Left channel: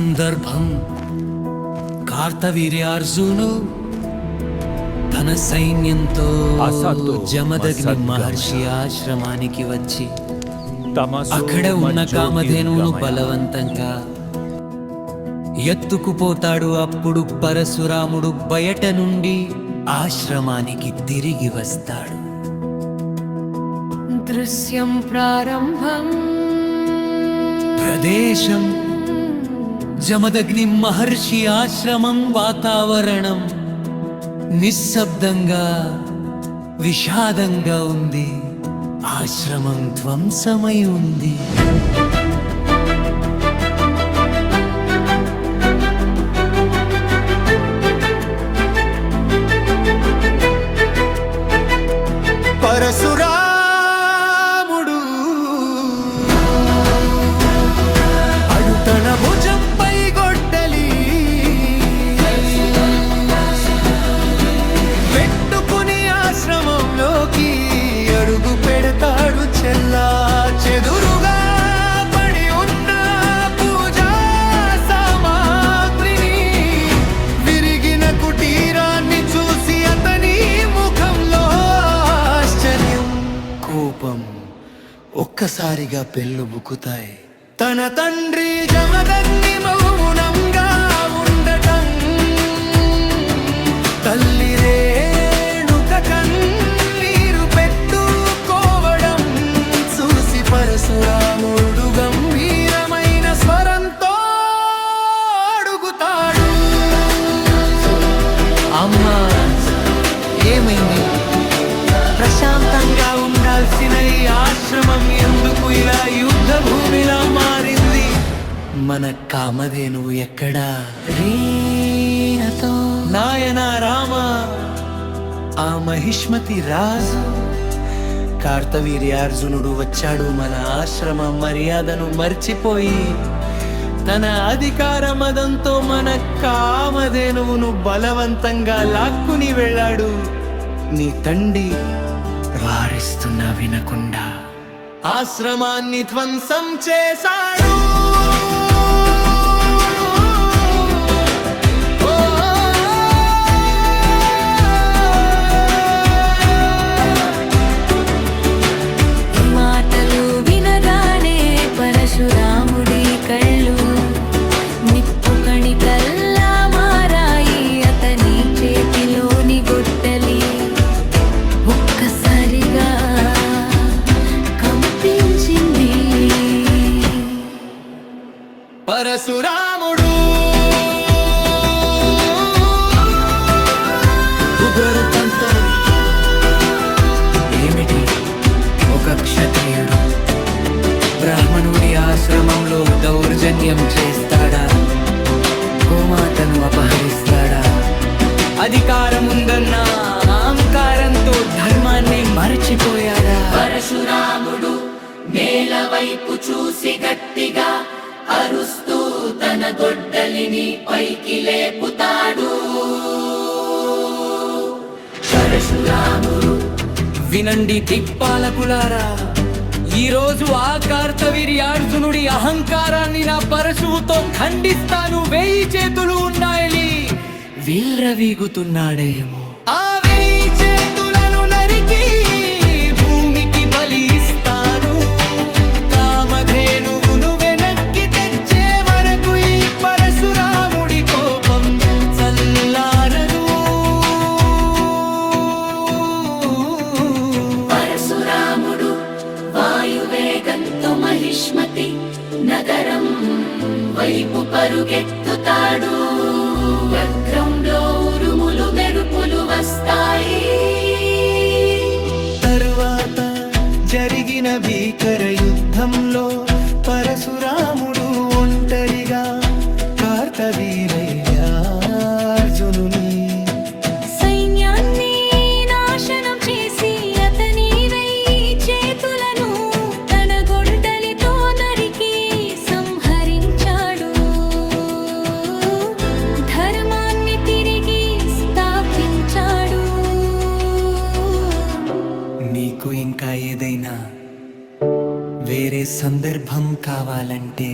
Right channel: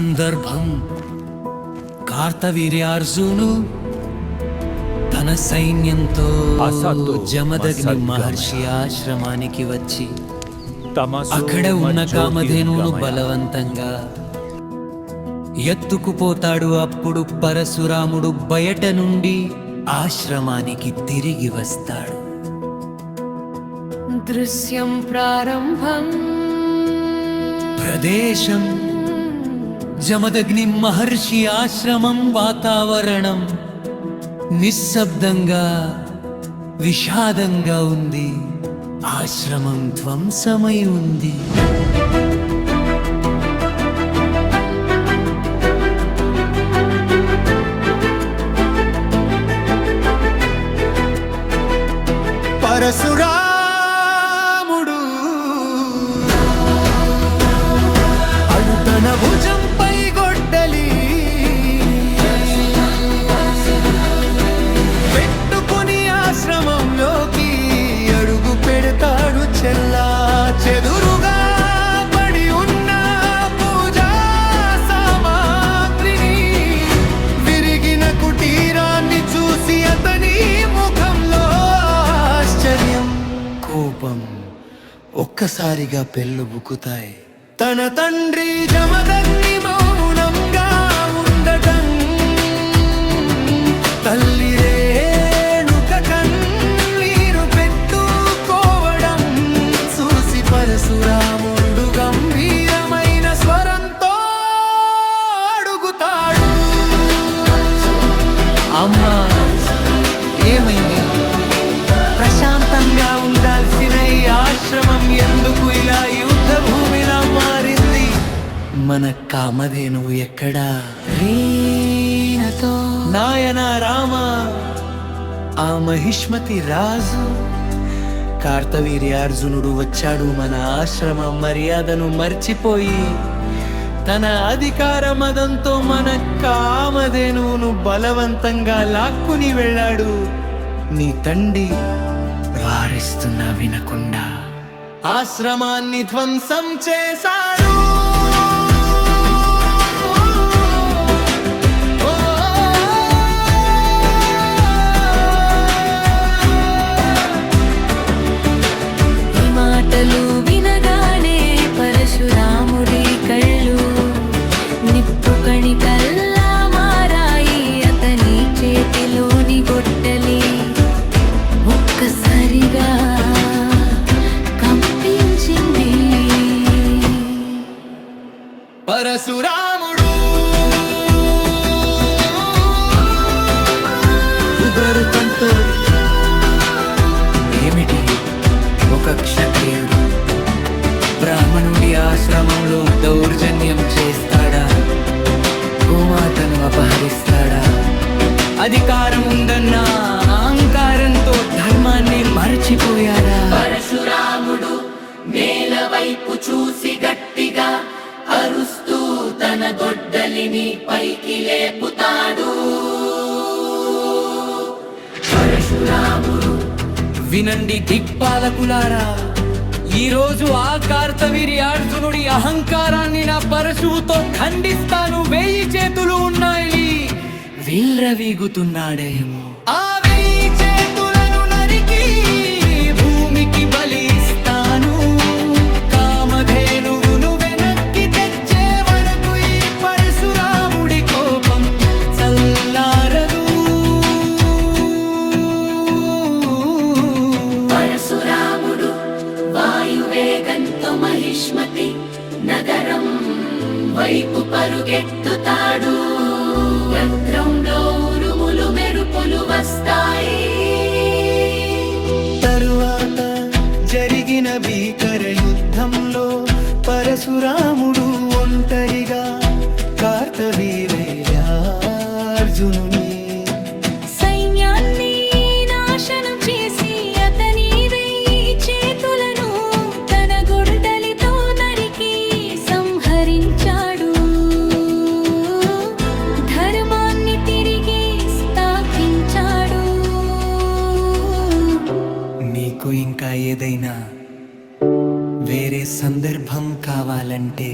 సందర్భం కార్తవీర్యార్జును తన సైన్యంతో జమదగ్ని మహర్షి ఆశ్రమానికి వచ్చి అక్కడ ఉన్న కామధేనువును బలవంతంగా ఎత్తుకుపోతాడు. అప్పుడు పరశురాముడు బయట నుండి ఆశ్రమానికి తిరిగి వస్తాడు. దృశ్యం ప్రారంభం ప్రదేశం జమదగ్ని మహర్షి ఆశ్రమం. వాతావరణం నిశ్శబ్దంగా విషాదంగా ఉంది. ఆశ్రమం ధ్వంసమై ఉంది. పరశురాముడు అడు తన భుజంపై గొడ్డలి పెట్టుకుని ఆశ్రమంలోకి అడుగు పెడతాడు. చెల్లా చెదురుగా పడి ఉన్న పూజా సామాగ్రిని, విరిగిన కుటీరాన్ని చూసి అతని ముఖంలో ఆశ్చర్యం, కోపం ఒక్కసారిగా పెళ్ళుబుకుతాయి. తన తండ్రి జమదగ్ని మౌనంగా ఉండటం, తల్లి రేణుక కన్నీరు పెట్టుకోవడం చూసి పరశురాముడు గంభీరమైన స్వరంతో అడుగుతాడు, అమ్మా ఏమైంది? ప్రశాంతంగా ఉండాల్సిన ఈ ఆశ్రమం ఎందుకు ఇలా యుద్ధ భూమిలా మారింది? మన కామధేనువు ఎక్కడా? రీనతో నాయన రామ, ఆ మహిష్మతి రాజు కార్తవీర్యార్జునుడు వచ్చాడు. మన ఆశ్రమ మర్యాదను మర్చిపోయి తన అధికార మదంతో మన కామధేనువును బలవంతంగా లాక్కుని వెళ్ళాడు. నీ తండ్రి వారిస్తున్నా వినకుండా ఆశ్రమాన్ని ధ్వంసం చేశాడు. ఈ మాటలు వినగానే పరశురాముడి కళ్ళు నిప్పు కణికల్లా మారాయి. అతని చేతిలోని గొడ్డలి ఒక్కసారిగా కంపించింది. పరశురాముడు ఉగ్రరూపంతో, ఏమిటి? ఒక క్షత్రియుడు బ్రాహ్మణుడి ఆశ్రమంలో దౌర్జన్యం చేస్తాడా? గోమాతను అపహరిస్తాడా? అధికారం ఉందన్న అహంకారంతో ధర్మాన్ని మరచిపోయాడా? పరశురాముడు నేల వైపు చూసి గట్టిగా అరుస్తూ తన గొడ్డలిని పైకి లేపుతాడు. పరశురాముడు వినండి దిక్పాలకులారా, ఈ రోజు ఆ కార్తవీర్యార్జునుడి అహంకారాన్ని నా పరశువుతో ఖండిస్తాను. 1000 చేతులు ఉన్నాయని వీల్రవీగుతున్నాడేమో. ఆ 1000 చేతులను నరికి భూమికి బలి ఇస్తాను. కామధేనువును వెనక్కి తెచ్చే వరకు ఈ పరశురాముడి కోపం చల్లారదు. పరశురాముడు వాయువేగంతో మహిష్మతి నగరం వైపు పరుగెత్తుతాడు. గ్రౌండ్లో ఉరుములు మెరుపులు వస్తాయి. తరువాత జరిగిన భీకర యుద్ధంలో పరశురాముడు ఒంటరిగా కార్తవీర్యార్జునుని సైన్యాన్ని నాశనం చేసి అతని 1000 చేతులను తన గొడ్డలితో నరికి సంహరించాడు. ధర్మాన్ని తిరిగి స్థాపించాడు. మీకు ఇంకా ఏదైనా వేరే సందర్భం కావాలంటే